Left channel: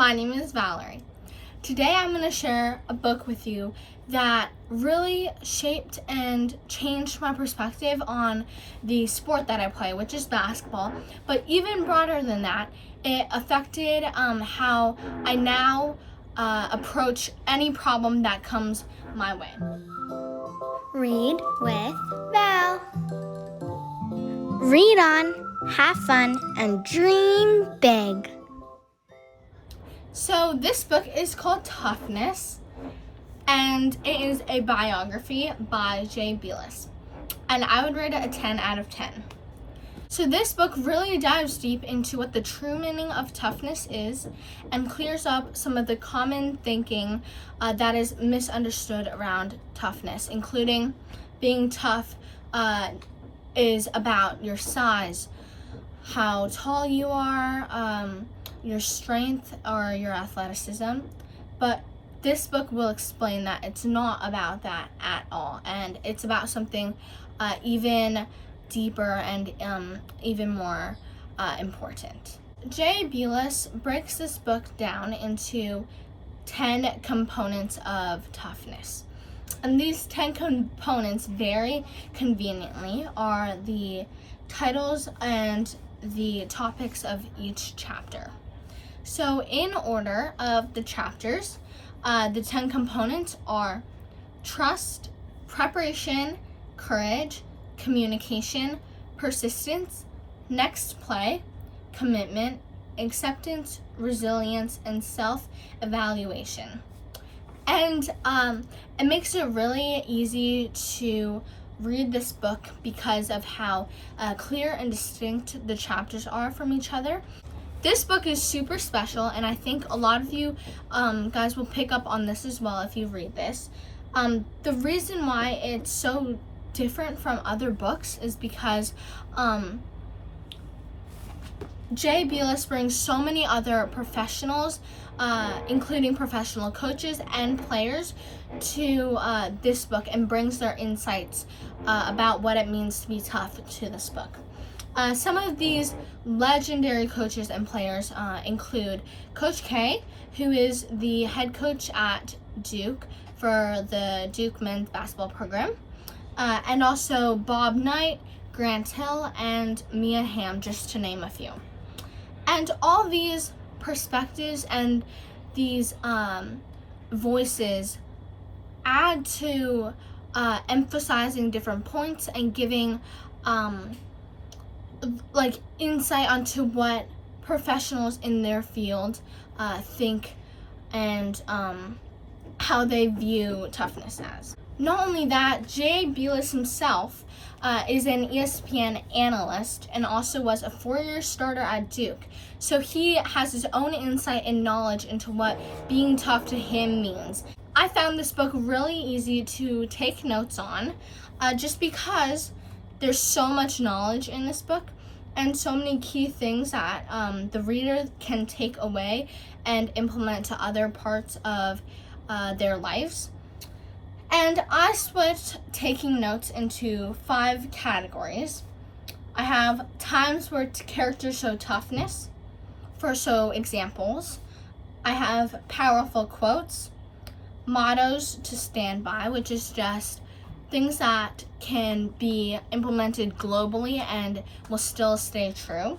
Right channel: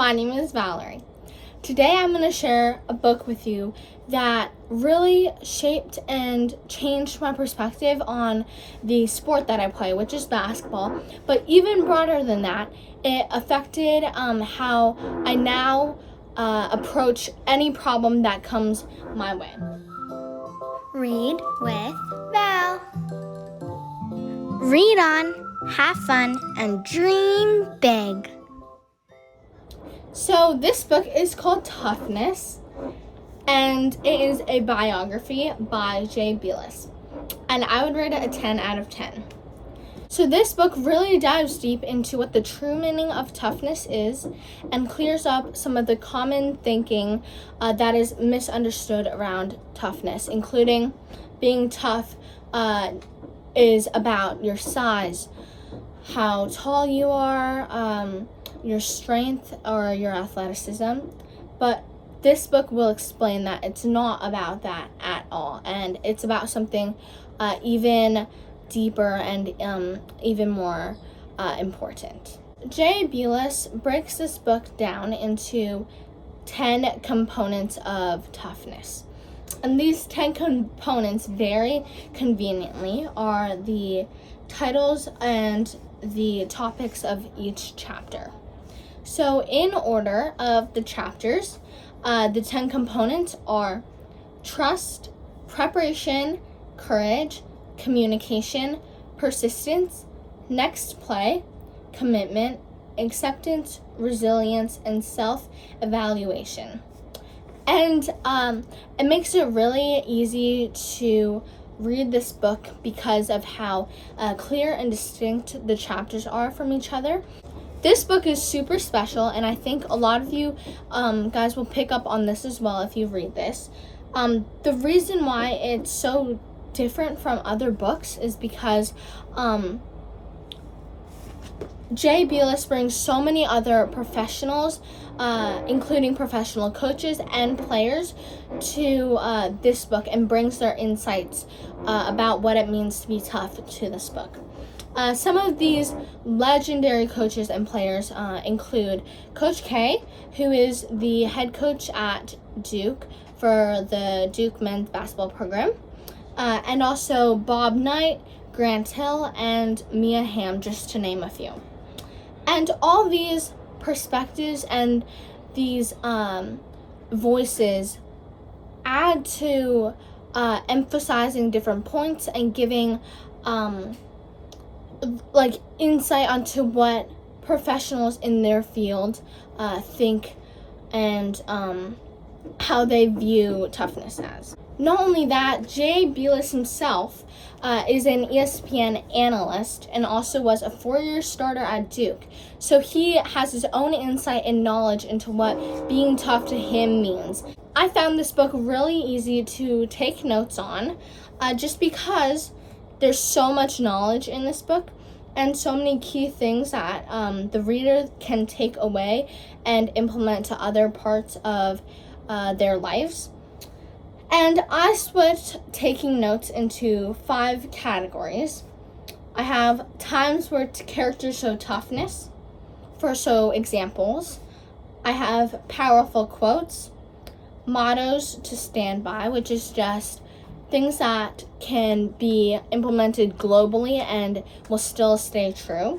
my name is Valerie. Today I'm going to share a book with you that really shaped and changed my perspective on the sport that I play, which is basketball. But even broader than that, it affected how I now approach any problem that comes my way. Read with Val. Read on, have fun, and dream big. So this book is called Toughness, and it is a biography by Jay Bilas, and I would rate it a 10 out of 10. So this book really dives deep into what the true meaning of toughness is and clears up some of the common thinking that is misunderstood around toughness, including being tough is about your size, how tall you are, your strength or your athleticism. But this book will explain that it's not about that at all, and it's about something even deeper and even more important. Jay Bilas breaks this book down into 10 components of toughness. And these 10 components, very conveniently, are the titles and the topics of each chapter. So in order of the chapters, the 10 components are trust, preparation, courage, communication, persistence, next play, commitment, acceptance, resilience, and self-evaluation. And it makes it really easy to read this book because of how clear and distinct the chapters are from each other. This book is super special, and I think a lot of you guys will pick up on this as well if you read this. The reason why it's so different from other books is because Jay Bilas brings so many other professionals, including professional coaches and players, to this book and brings their insights about what it means to be tough to this book. Some of these legendary coaches and players include Coach K, who is the head coach at Duke for the Duke men's basketball program, and also Bob Knight, Grant Hill, and Mia Hamm, just to name a few. And all these perspectives and these voices add to emphasizing different points and giving insight onto what professionals in their field think and how they view toughness as. Not only that, Jay Bilas himself is an ESPN analyst and also was a 4-year starter at Duke. So he has his own insight and knowledge into what being tough to him means. I found this book really easy to take notes on just because there's so much knowledge in this book and so many key things that the reader can take away and implement to other parts of their lives. And I split taking notes into 5 categories. I have times where characters show toughness, so examples. I have powerful quotes, mottos to stand by, which is just things that can be implemented globally and will still stay true.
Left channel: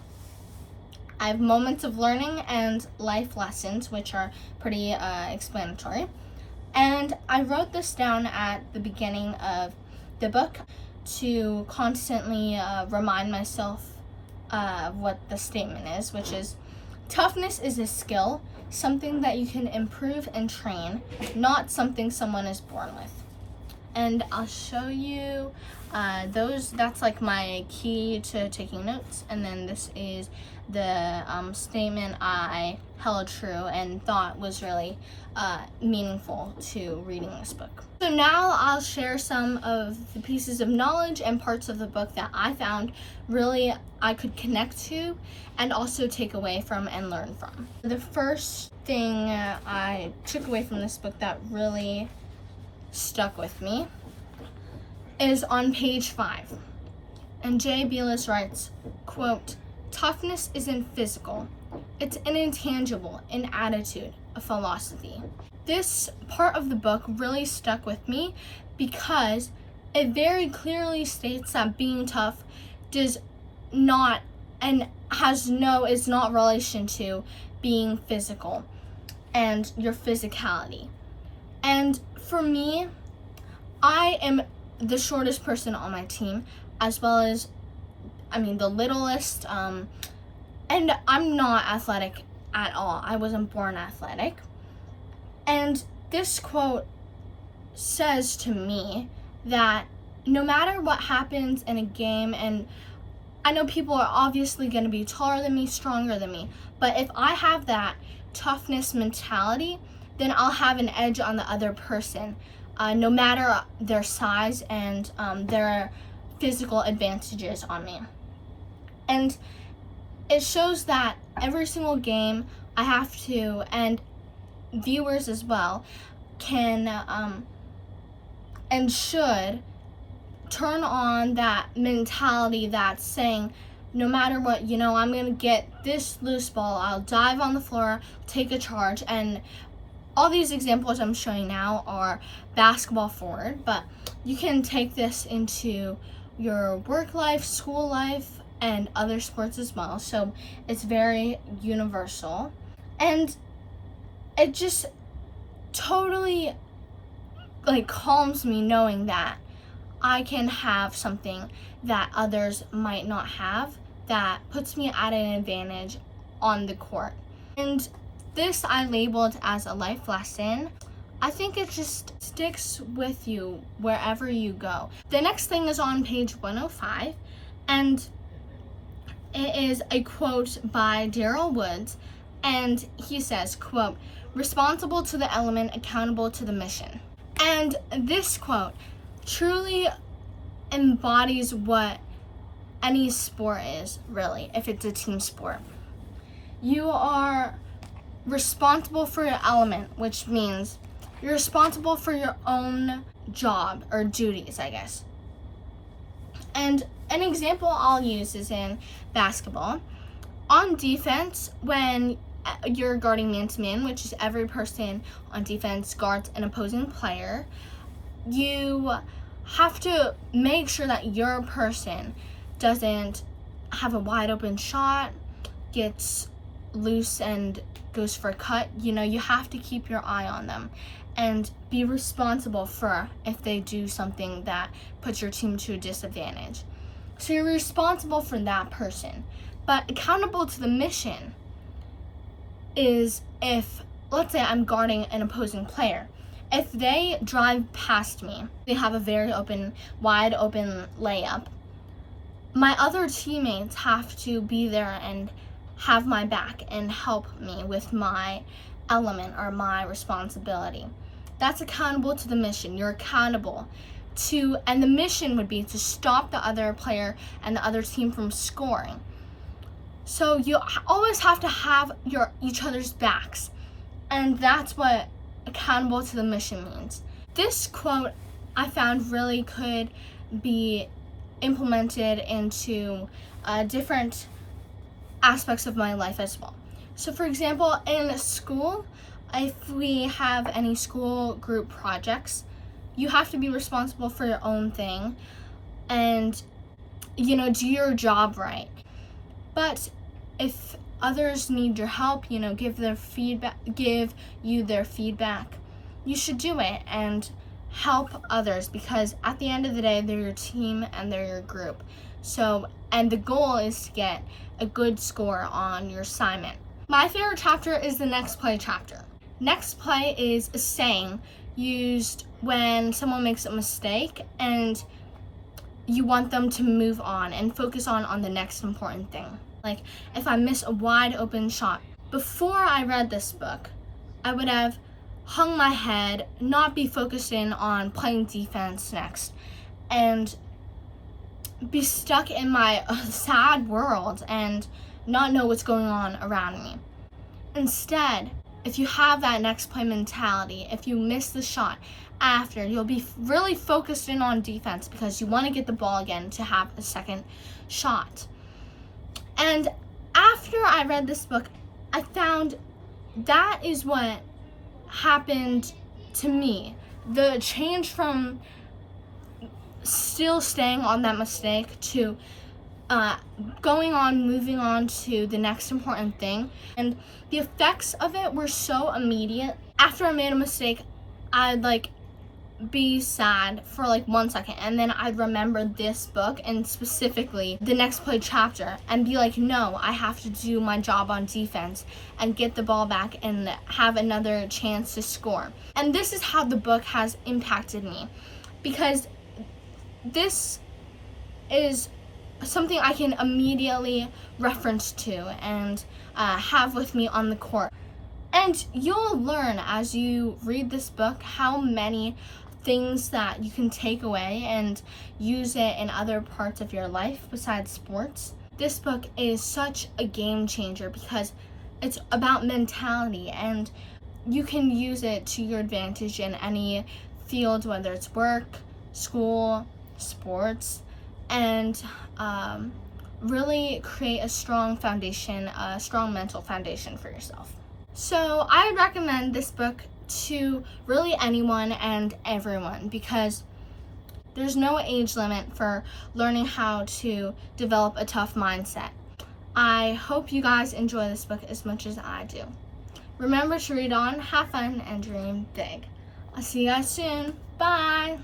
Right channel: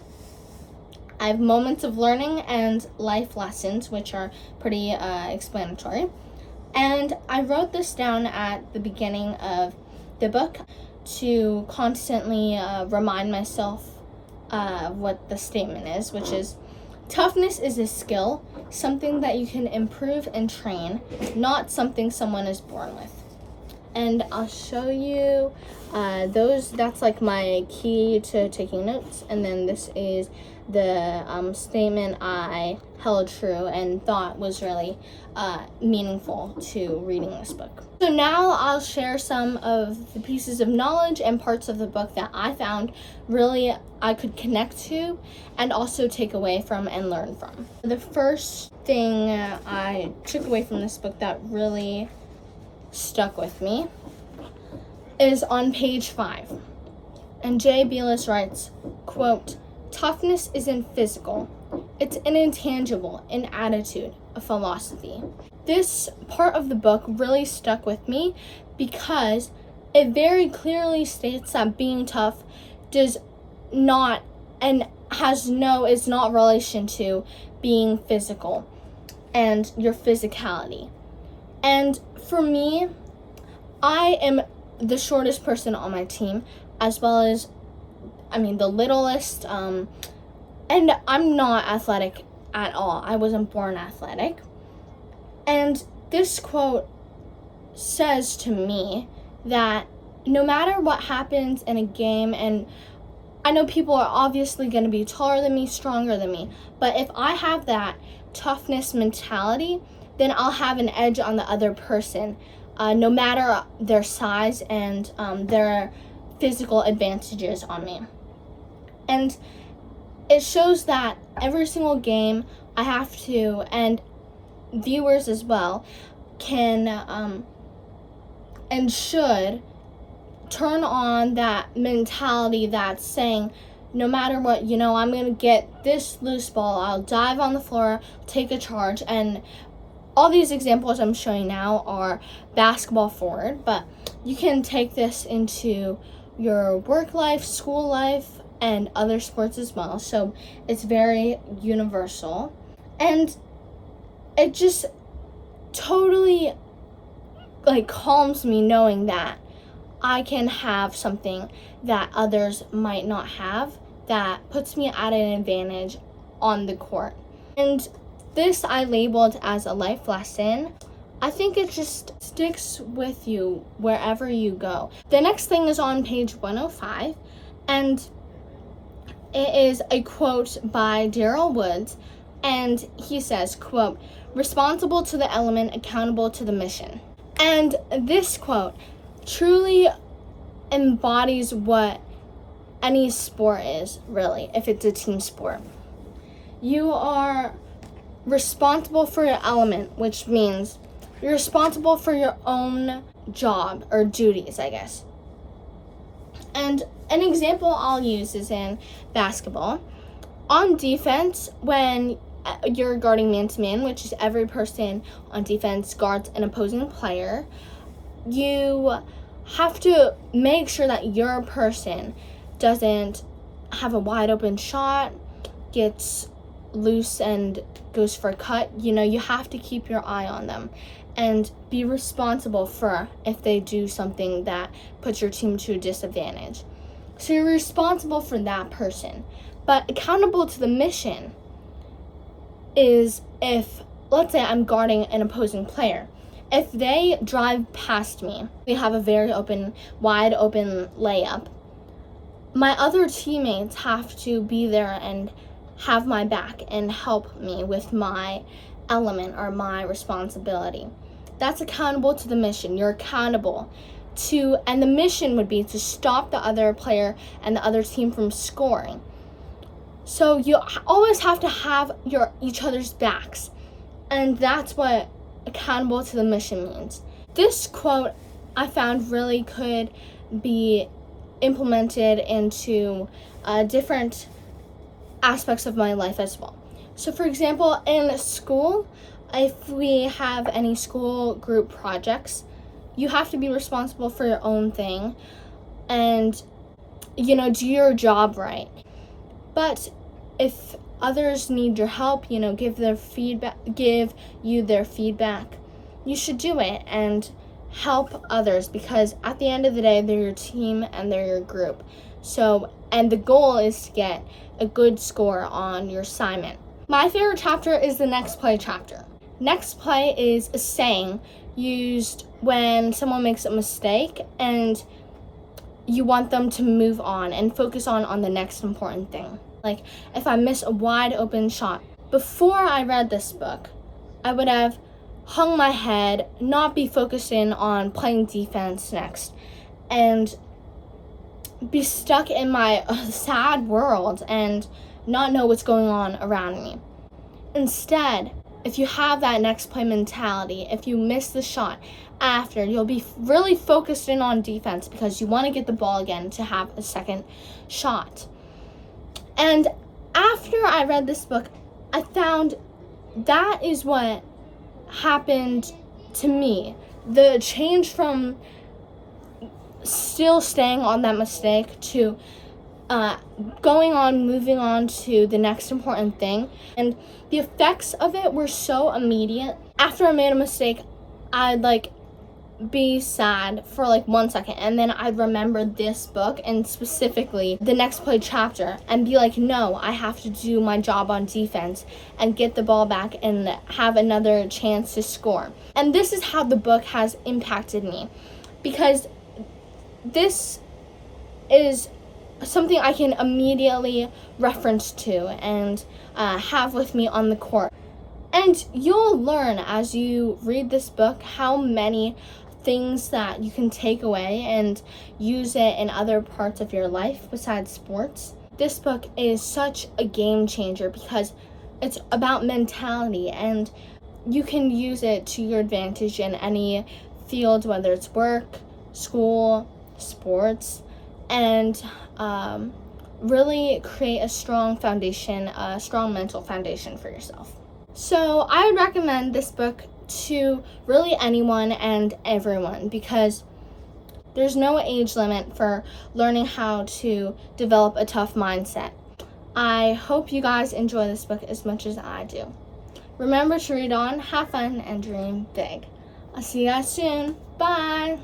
I have moments of learning and life lessons, which are pretty explanatory. And I wrote this down at the beginning of the book to constantly remind myself what the statement is, which is, toughness is a skill, something that you can improve and train, not something someone is born with. And I'll show you that's like my key to taking notes. And then this is the statement I held true and thought was really meaningful to reading this book. So now I'll share some of the pieces of knowledge and parts of the book that I found really I could connect to and also take away from and learn from. The first thing I took away from this book that really stuck with me is on page 5. And Jay Bilas writes, quote, "Toughness isn't physical. It's an intangible, an attitude, a philosophy. This part of the book really stuck with me because it very clearly states that being tough does not and is not relation to being physical and your physicality. And for me, I am the shortest person on my team, as well as, the littlest, and I'm not athletic at all. I wasn't born athletic. And this quote says to me that no matter what happens in a game, and I know people are obviously going to be taller than me, stronger than me, but if I have that toughness mentality, then I'll have an edge on the other person, no matter their size and their physical advantages on me. And it shows that every single game I have to, and viewers as well, can and should turn on that mentality that's saying, no matter what, I'm going to get this loose ball, I'll dive on the floor, take a charge. And all these examples I'm showing now are basketball forward, but you can take this into your work life, school life, and other sports as well. So it's very universal. And it just totally calms me knowing that I can have something that others might not have that puts me at an advantage on the court. And this I labeled as a life lesson. I think it just sticks with you wherever you go. The next thing is on page 105, and it is a quote by Daryl Woods, and he says, quote, "Responsible to the element, accountable to the mission." And this quote truly embodies what any sport is, really, if it's a team sport. You are responsible for your element, which means you're responsible for your own job or duties, I guess. And an example I'll use is in basketball. On defense, when you're guarding man-to-man, which is every person on defense guards an opposing player, you have to make sure that your person doesn't have a wide open shot, gets loose and goes for a cut. You have to keep your eye on them and be responsible for if they do something that puts your team to a disadvantage. So you're responsible for that person. But accountable to the mission is if, let's say I'm guarding an opposing player. If they drive past me, they have a very wide open layup, my other teammates have to be there and have my back and help me with my element or my responsibility. That's accountable to the mission. You're accountable to, and the mission would be to stop the other player and the other team from scoring. So you always have to have each other's backs, and that's what accountable to the mission means. This quote I found really could be implemented into different aspects of my life as well. So for example, in school, if we have any school group projects, you have to be responsible for your own thing and do your job right. But if others need your help, give you their feedback, you should do it and help others, because at the end of the day, they're your team and they're your group. So, and the goal is to get a good score on your assignment. My favorite chapter is the next play chapter. Next play is a saying used when someone makes a mistake and you want them to move on and focus on the next important thing. Like if I miss a wide open shot. Before I read this book, I would have hung my head, not be focused in on playing defense next, and be stuck in my sad world and not know what's going on around me. Instead, if you have that next play mentality, if you miss the shot after, you'll be really focused in on defense because you want to get the ball again to have a second shot. And after I read this book, I found that is what happened to me. The change from still staying on that mistake to moving on to the next important thing. And the effects of it were so immediate. After I made a mistake, I'd be sad for 1 second, and then I'd remember this book and specifically the next play chapter and be like, no, I have to do my job on defense and get the ball back and have another chance to score. And this is how the book has impacted me, because this is something I can immediately reference to and have with me on the court. And you'll learn as you read this book how many things that you can take away and use it in other parts of your life besides sports. This book is such a game changer because it's about mentality, and you can use it to your advantage in any field, whether it's work, school, sports, and really create a strong foundation, a strong mental foundation for yourself. So I would recommend this book to really anyone and everyone, because there's no age limit for learning how to develop a tough mindset. I hope you guys enjoy this book as much as I do. Remember to read on, have fun, and dream big. I'll see you guys soon. Bye!